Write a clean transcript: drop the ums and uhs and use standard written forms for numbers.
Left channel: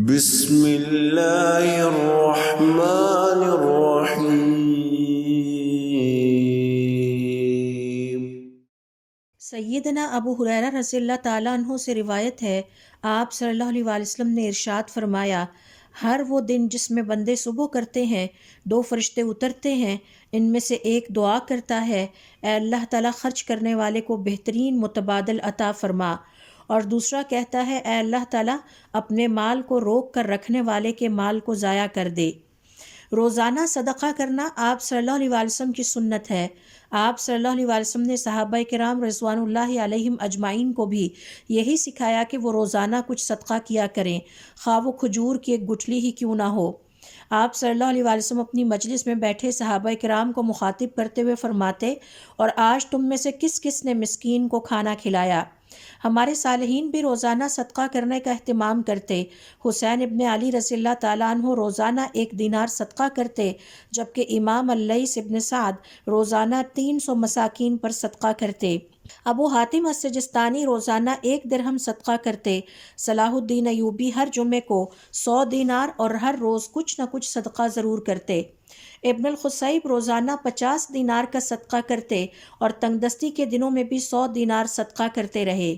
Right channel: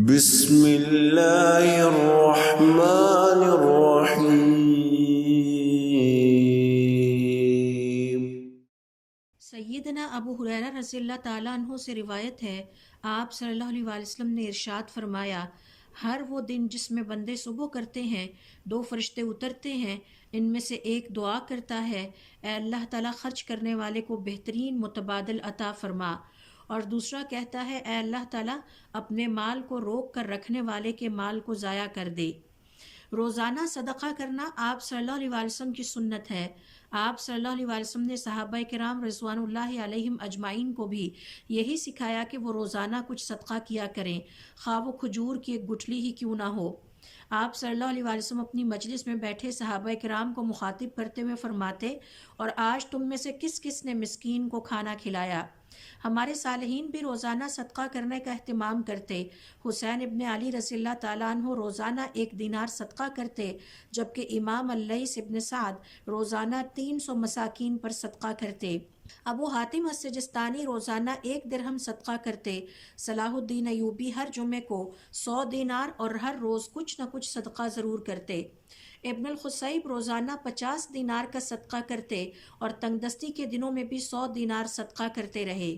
بسم اللہ الرحمن الرحیم۔ سیدنا ابو ہریرہ رضی اللہ تعالیٰ عنہ سے روایت ہے، آپ صلی اللہ علیہ وسلم نے ارشاد فرمایا، ہر وہ دن جس میں بندے صبح کرتے ہیں، دو فرشتے اترتے ہیں، ان میں سے ایک دعا کرتا ہے، اے اللہ تعالیٰ خرچ کرنے والے کو بہترین متبادل عطا فرما، اور دوسرا کہتا ہے، اے اللہ تعالیٰ اپنے مال کو روک کر رکھنے والے کے مال کو ضائع کر دے۔ روزانہ صدقہ کرنا آپ صلی اللہ علیہ وسلم کی سنت ہے۔ آپ صلی اللہ علیہ وسلم نے صحابہ کرام رضوان اللہ علیہم اجمعین کو بھی یہی سکھایا کہ وہ روزانہ کچھ صدقہ کیا کریں، خواہ وہ کھجور کی ایک گٹھلی ہی کیوں نہ ہو۔ آپ صلی اللہ علیہ وسلم اپنی مجلس میں بیٹھے صحابہ کرام کو مخاطب کرتے ہوئے فرماتے، اور آج تم میں سے کس کس نے مسکین کو کھانا کھلایا؟ ہمارے صالحین بھی روزانہ صدقہ کرنے کا اہتمام کرتے۔ حسین ابن علی رضی اللہ تعالیٰ عنہ روزانہ 1 دینار صدقہ کرتے، جبکہ امام اللیث ابن سعد روزانہ 300 مساکین پر صدقہ کرتے۔ ابو حاتم السجستانی روزانہ 1 درہم صدقہ کرتے۔ صلاح الدین ایوبی ہر جمعے کو 100 دینار اور ہر روز کچھ نہ کچھ صدقہ ضرور کرتے۔ ابن الخصیب روزانہ 50 دینار کا صدقہ کرتے اور تنگدستی کے دنوں میں بھی 100 دینار صدقہ کرتے رہے۔